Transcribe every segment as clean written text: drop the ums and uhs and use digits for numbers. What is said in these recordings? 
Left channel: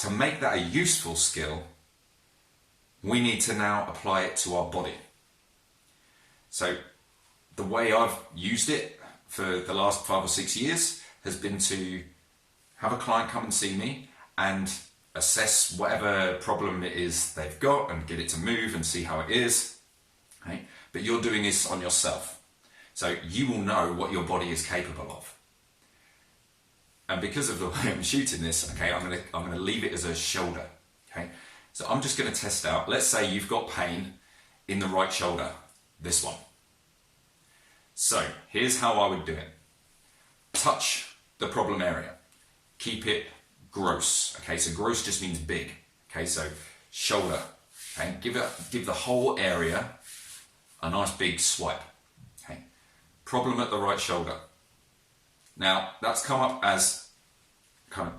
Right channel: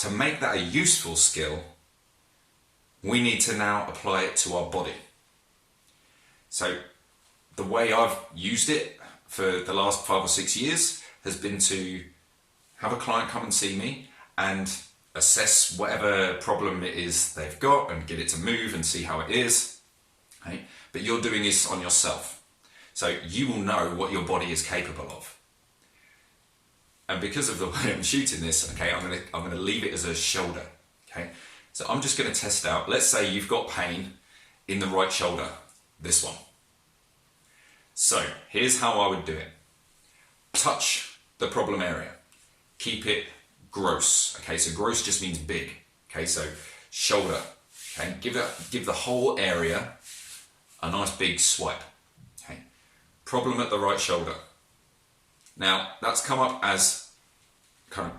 to make that a useful skill, we need to now apply it to our body. So the way I've used it for the last 5 or 6 years has been to have a client come and see me and assess whatever problem it is they've got and get it to move and see how it is. Okay? But you're doing this on yourself. So you will know what your body is capable of. And because of the way I'm shooting this, okay, I'm gonna leave it as a shoulder. Okay? So I'm just gonna test out, let's say you've got pain in the right shoulder, this one. So here's how I would do it. Touch the problem area. Keep it gross. Okay, so gross just means big. Okay, so shoulder. Okay, give the whole area a nice big swipe. Okay, problem at the right shoulder. Now that's come up as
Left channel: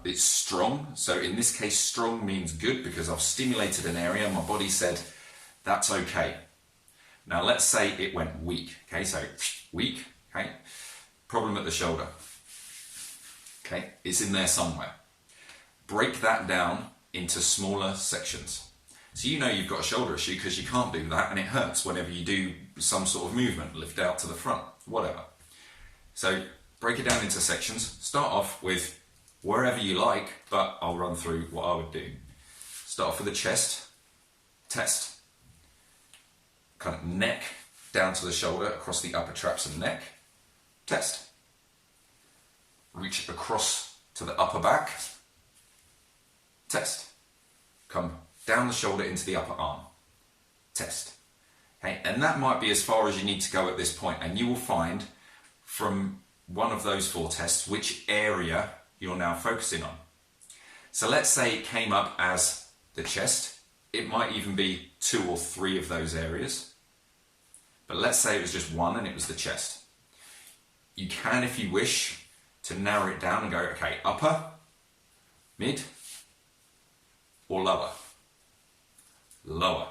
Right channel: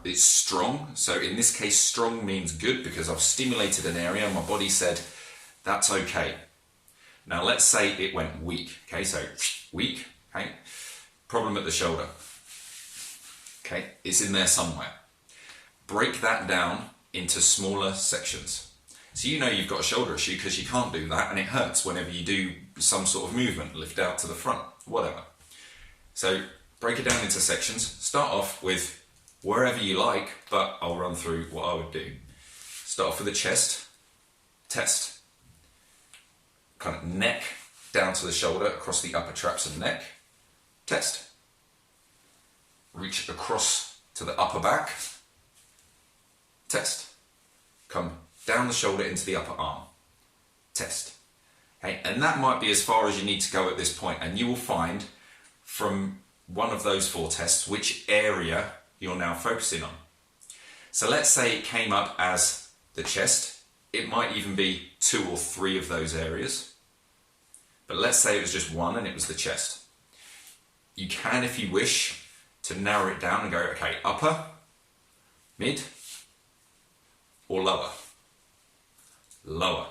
it's strong. So in this case, strong means good because I've stimulated an area and my body said that's okay. Now let's say it went weak. Okay, so weak. Okay, problem at the shoulder. Okay, it's in there somewhere. Break that down into smaller sections. So you know you've got a shoulder issue because you can't do that and it hurts whenever you do some sort of movement, lift out to the front, whatever. So break it down into sections. Start off with wherever you like, but I'll run through what I would do. Start off with the chest, test. Kind of neck down to the shoulder, across the upper traps and neck, test. Reach across to the upper back, test. Come down the shoulder into the upper arm, test. Okay, and that might be as far as you need to go at this point, and you will find from one of those 4 tests which area you're now focusing on. So let's say it came up as the chest. It might even be 2 or 3 of those areas. But let's say it was just 1 and it was the chest. You can, if you wish, to narrow it down and go, okay, upper, mid, or lower. Lower.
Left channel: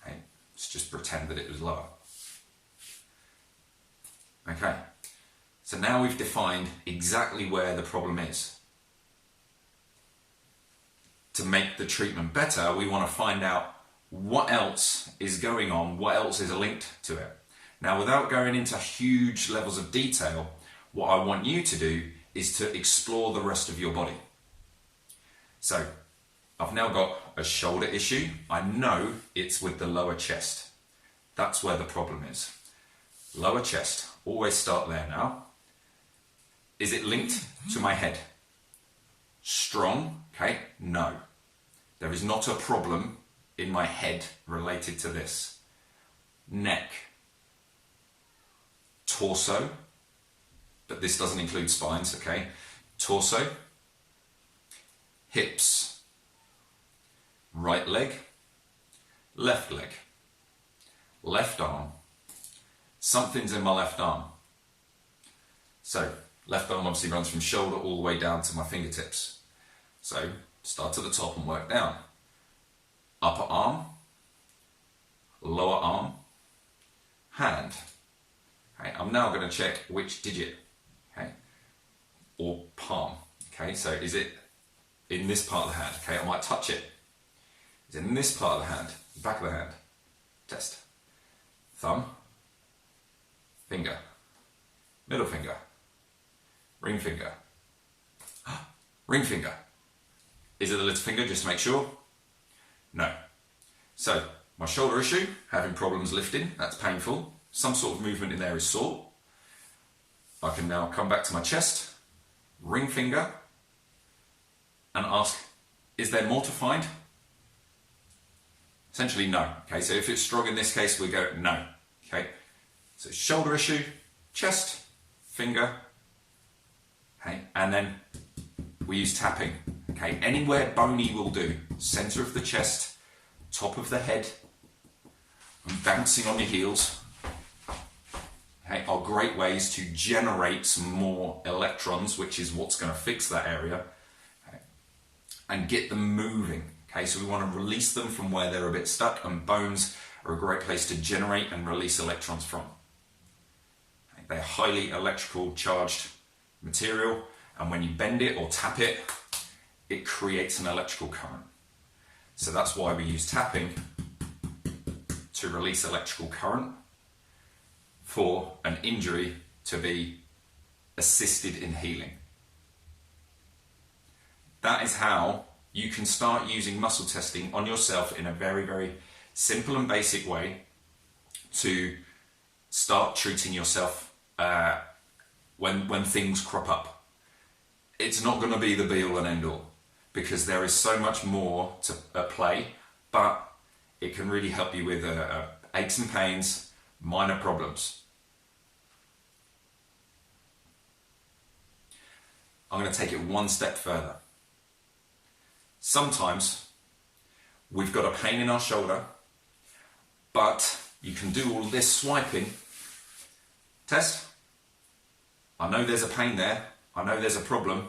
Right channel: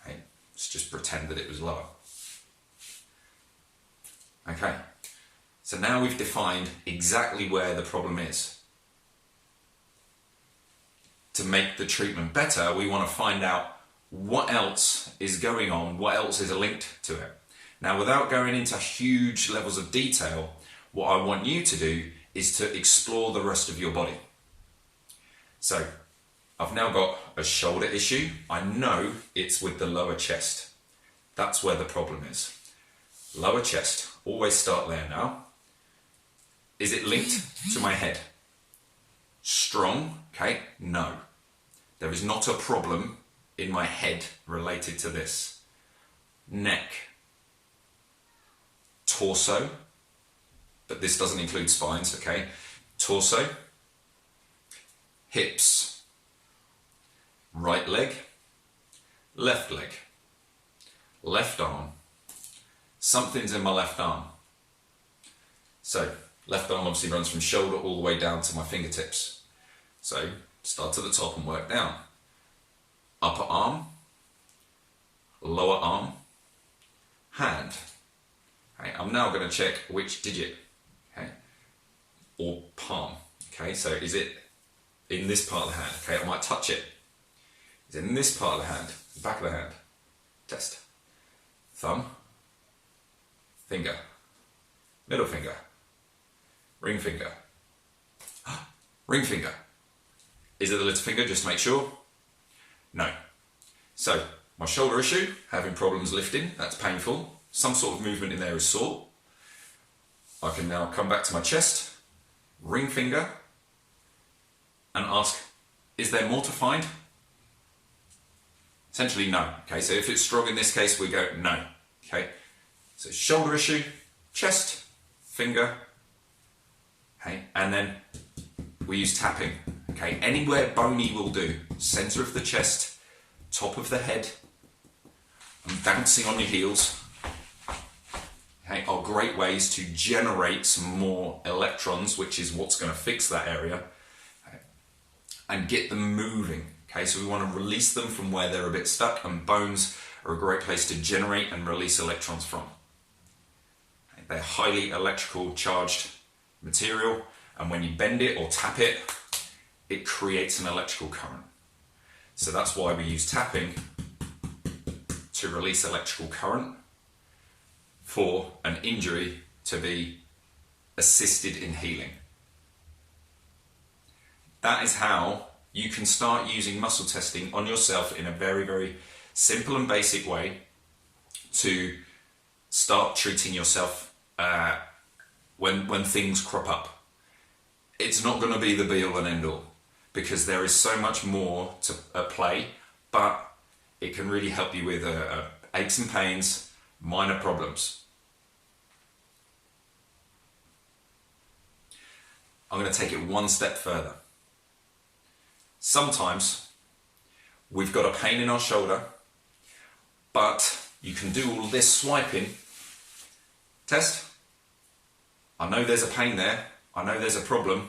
Okay, let's just pretend that it was lower. Okay, so now we've defined exactly where the problem is. To make the treatment better, we want to find out what else is going on, what else is linked to it. Now, without going into huge levels of detail, what I want you to do is to explore the rest of your body. So, I've now got a shoulder issue. I know it's with the lower chest. That's where the problem is. Lower chest. Always start there now. Is it linked to my head? Strong, okay? No. There is not a problem in my head related to this. Neck. Torso. But this doesn't include spines, okay? Torso. Hips. Right leg. Left leg. Left arm. Something's in my left arm. So, left arm obviously runs from shoulder all the way down to my fingertips. So, start at the top and work down. Upper arm, lower arm, hand. Okay, I'm now going to check which digit, okay, or palm. Okay, so is it in this part of the hand? Okay, I might touch it. Is it in this part of the hand, the back of the hand? Test. Thumb, finger, middle finger, ring finger, ring finger. Is it the little finger, just to make sure? No. So, my shoulder issue, having problems lifting, that's painful. Some sort of movement in there is sore. I can now come back to my chest, ring finger, and ask, is there more to find? Essentially, no. Okay, so if it's strong in this case, we go no. Okay, so shoulder issue, chest, finger, okay, and then we use tapping. Okay, anywhere bony will do. Center of the chest, top of the head, and bouncing on your heels. Okay, are great ways to generate some more electrons, which is what's going to fix that area, okay, and get them moving. Okay, so we want to release them from where they're a bit stuck, and bones are a great place to generate and release electrons from. Okay, they're highly electrical charged material, and when you bend it or tap it, it creates an electrical current. So that's why we use tapping to release electrical current for an injury to be assisted in healing. That is how you can start using muscle testing on yourself in a very, very simple and basic way to start treating yourself when things crop up. It's not going to be the be all and end all, because there is so much more to play, but it can really help you with aches and pains, minor problems. I'm going to take it one step further. Sometimes we've got a pain in our shoulder, but you can do all this swiping. Test. I know there's a pain there. I know there's a problem,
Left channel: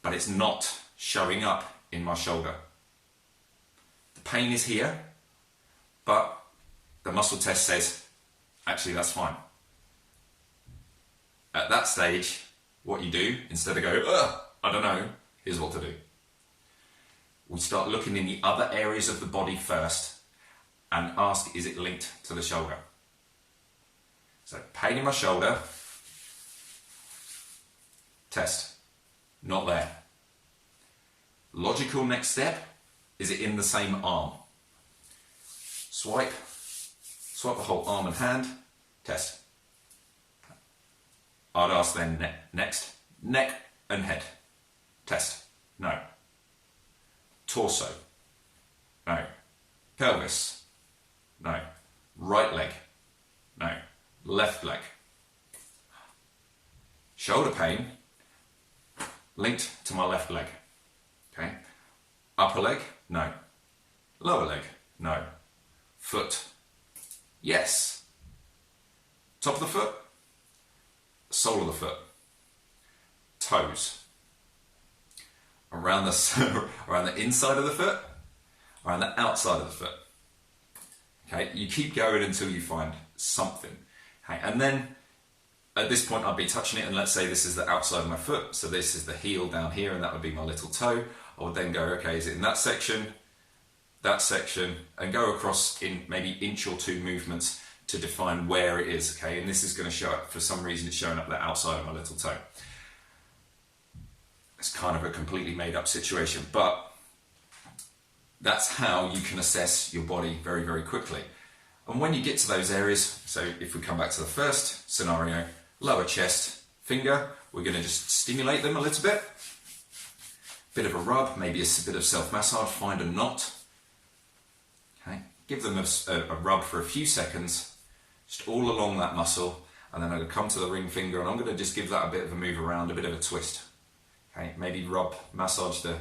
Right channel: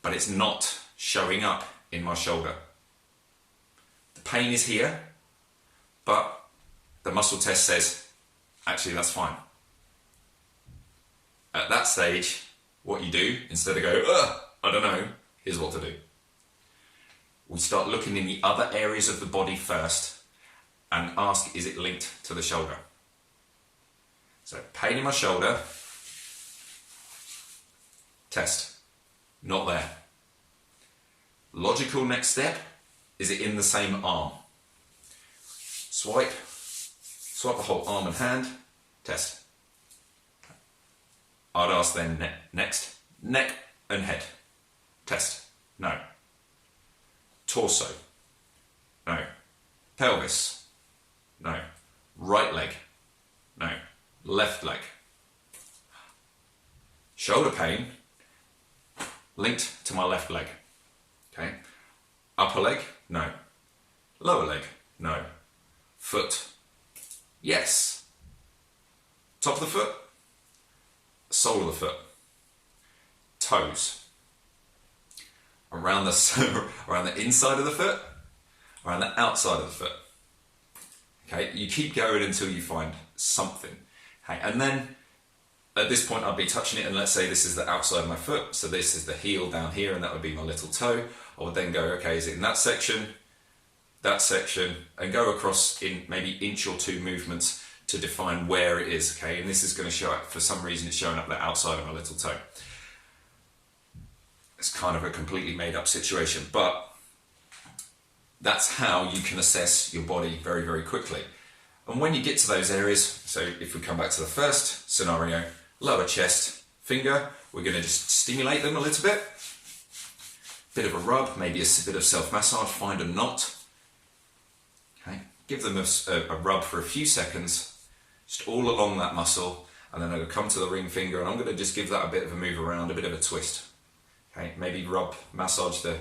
but it's not showing up in my shoulder. The pain is here, but the muscle test says, actually, that's fine. At that stage, what you do, instead of go, I don't know, here's what to do. We start looking in the other areas of the body first and ask, is it linked to the shoulder? So, pain in my shoulder, test, not there. Logical next step, is it in the same arm? Swipe the whole arm and hand, test. I'd ask then next, neck and head, test, no. Torso, no. Pelvis, no. Right leg, no. Left leg. Shoulder pain, linked to my left leg, okay. Upper leg, no. Lower leg, no. Foot, yes. Top of the foot, sole of the foot, toes, around the inside of the foot, around the outside of the foot. Okay, you keep going until you find something. Okay, and then at this point I'd be touching it, and let's say this is the outside of my foot, so this is the heel down here, and that would be my little toe. I would then go, okay, is it in that section, and go across in maybe inch or two movements to define where it is, okay? And this is going to show up, for some reason it's showing up the outside of my little toe. It's kind of a completely made up situation, but that's how you can assess your body very, very quickly. And when you get to those areas, so if we come back to the first scenario, lower chest, finger, we're going to just stimulate them a little bit. Bit of a rub, maybe a bit of self-massage, find a knot. Okay, give them a rub for a few seconds, just all along that muscle, and then I'm going to come to the ring finger and I'm going to just give that a bit of a move around, a bit of a twist. Okay, maybe rub, massage the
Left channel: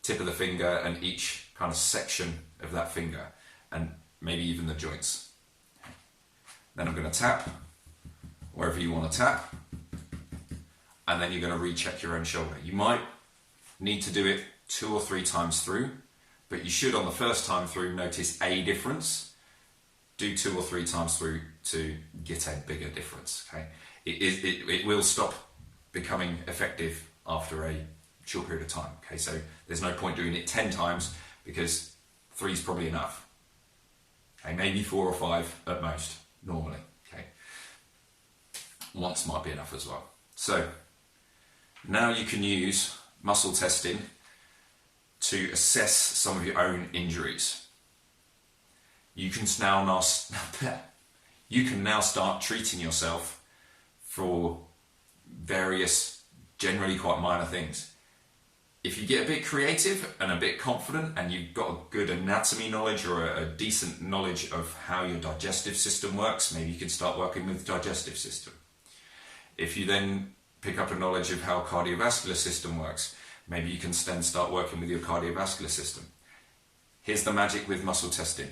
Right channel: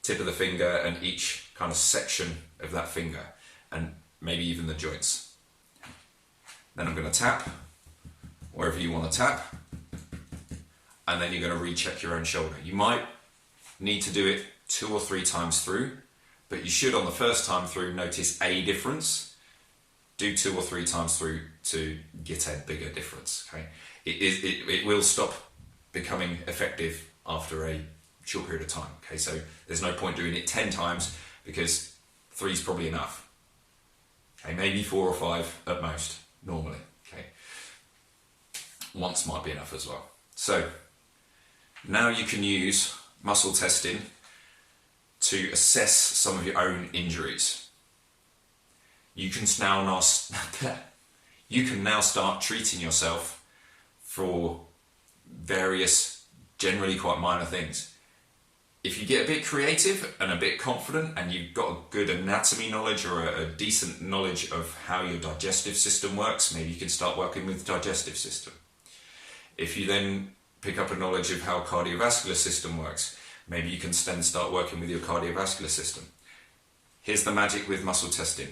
tip of the finger and each kind of section of that finger, and maybe even the joints. Then I'm going to tap wherever you want to tap, and then you're going to recheck your own shoulder. You might need to do it 2 or 3 times through, but you should on the first time through notice a difference. Do 2 or 3 times through to get a bigger difference. Okay, it will stop becoming effective after a short period of time. Okay, so there's no point doing it 10 times because 3 is probably enough. Okay, maybe 4 or 5 at most normally. Okay, once might be enough as well. So now you can use muscle testing to assess some of your own injuries. You can now start treating yourself for various, generally quite minor things. If you get a bit creative and a bit confident and you've got a good anatomy knowledge or a decent knowledge of how your digestive system works, maybe you can start working with the digestive system. If you then pick up a knowledge of how cardiovascular system works, maybe you can then start working with your cardiovascular system. Here's the magic with muscle testing.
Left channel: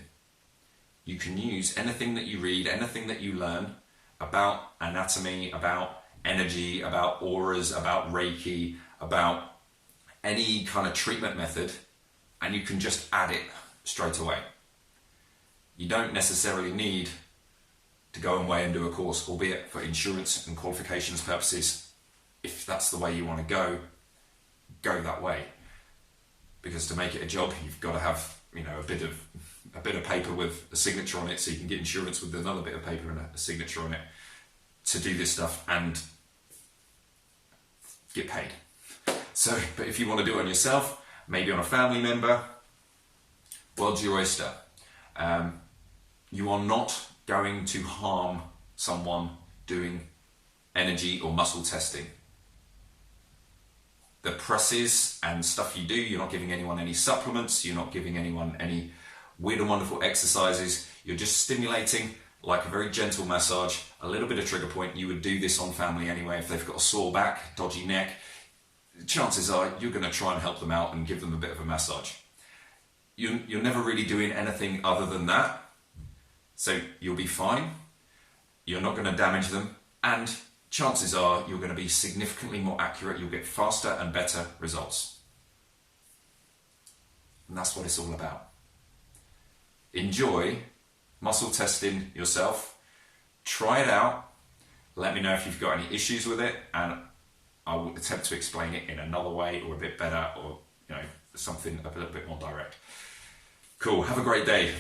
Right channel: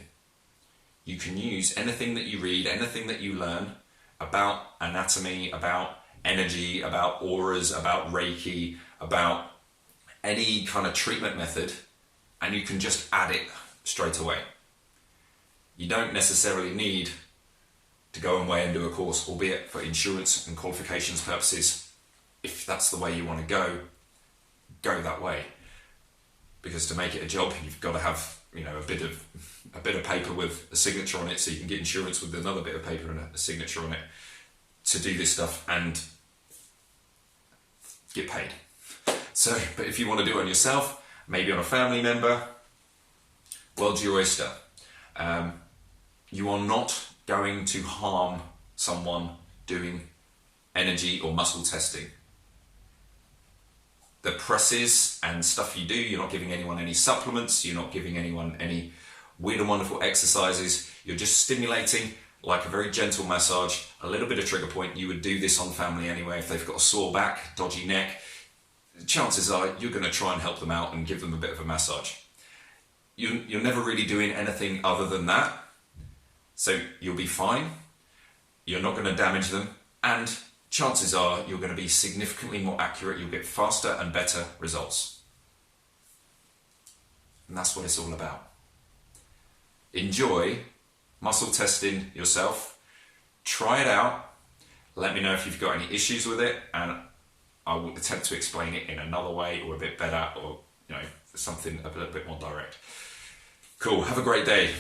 You can use anything that you read, anything that you learn about anatomy, about energy, about auras, about Reiki, about any kind of treatment method, and you can just add it straight away. You don't necessarily need to go away and do a course, albeit for insurance and qualifications purposes. If that's the way you want to go that way. because to make it a job, you've got to have, you know, a bit of paper with a signature on it, so you can get insurance with another bit of paper and a signature on it to do this stuff and get paid. So, but if you want to do it on yourself, maybe on a family member, world's your oyster. You are not going to harm someone doing energy or muscle testing. The presses and stuff you do, you're not giving anyone any supplements, you're not giving anyone any weird and wonderful exercises, you're just stimulating like a very gentle massage, a little bit of trigger point. You would do this on family anyway. If they've got a sore back, dodgy neck, chances are you're going to try and help them out and give them a bit of a massage. You're never really doing anything other than that, so you'll be fine. You're not going to damage them, and chances are you're going to be significantly more accurate. You'll get faster and better results. And that's what it's all about. Enjoy muscle testing yourself. Try it out. Let me know if you've got any issues with it, and I will attempt to explain it in another way or a bit better, or, you know, something a little bit more direct. Cool. Have a great day.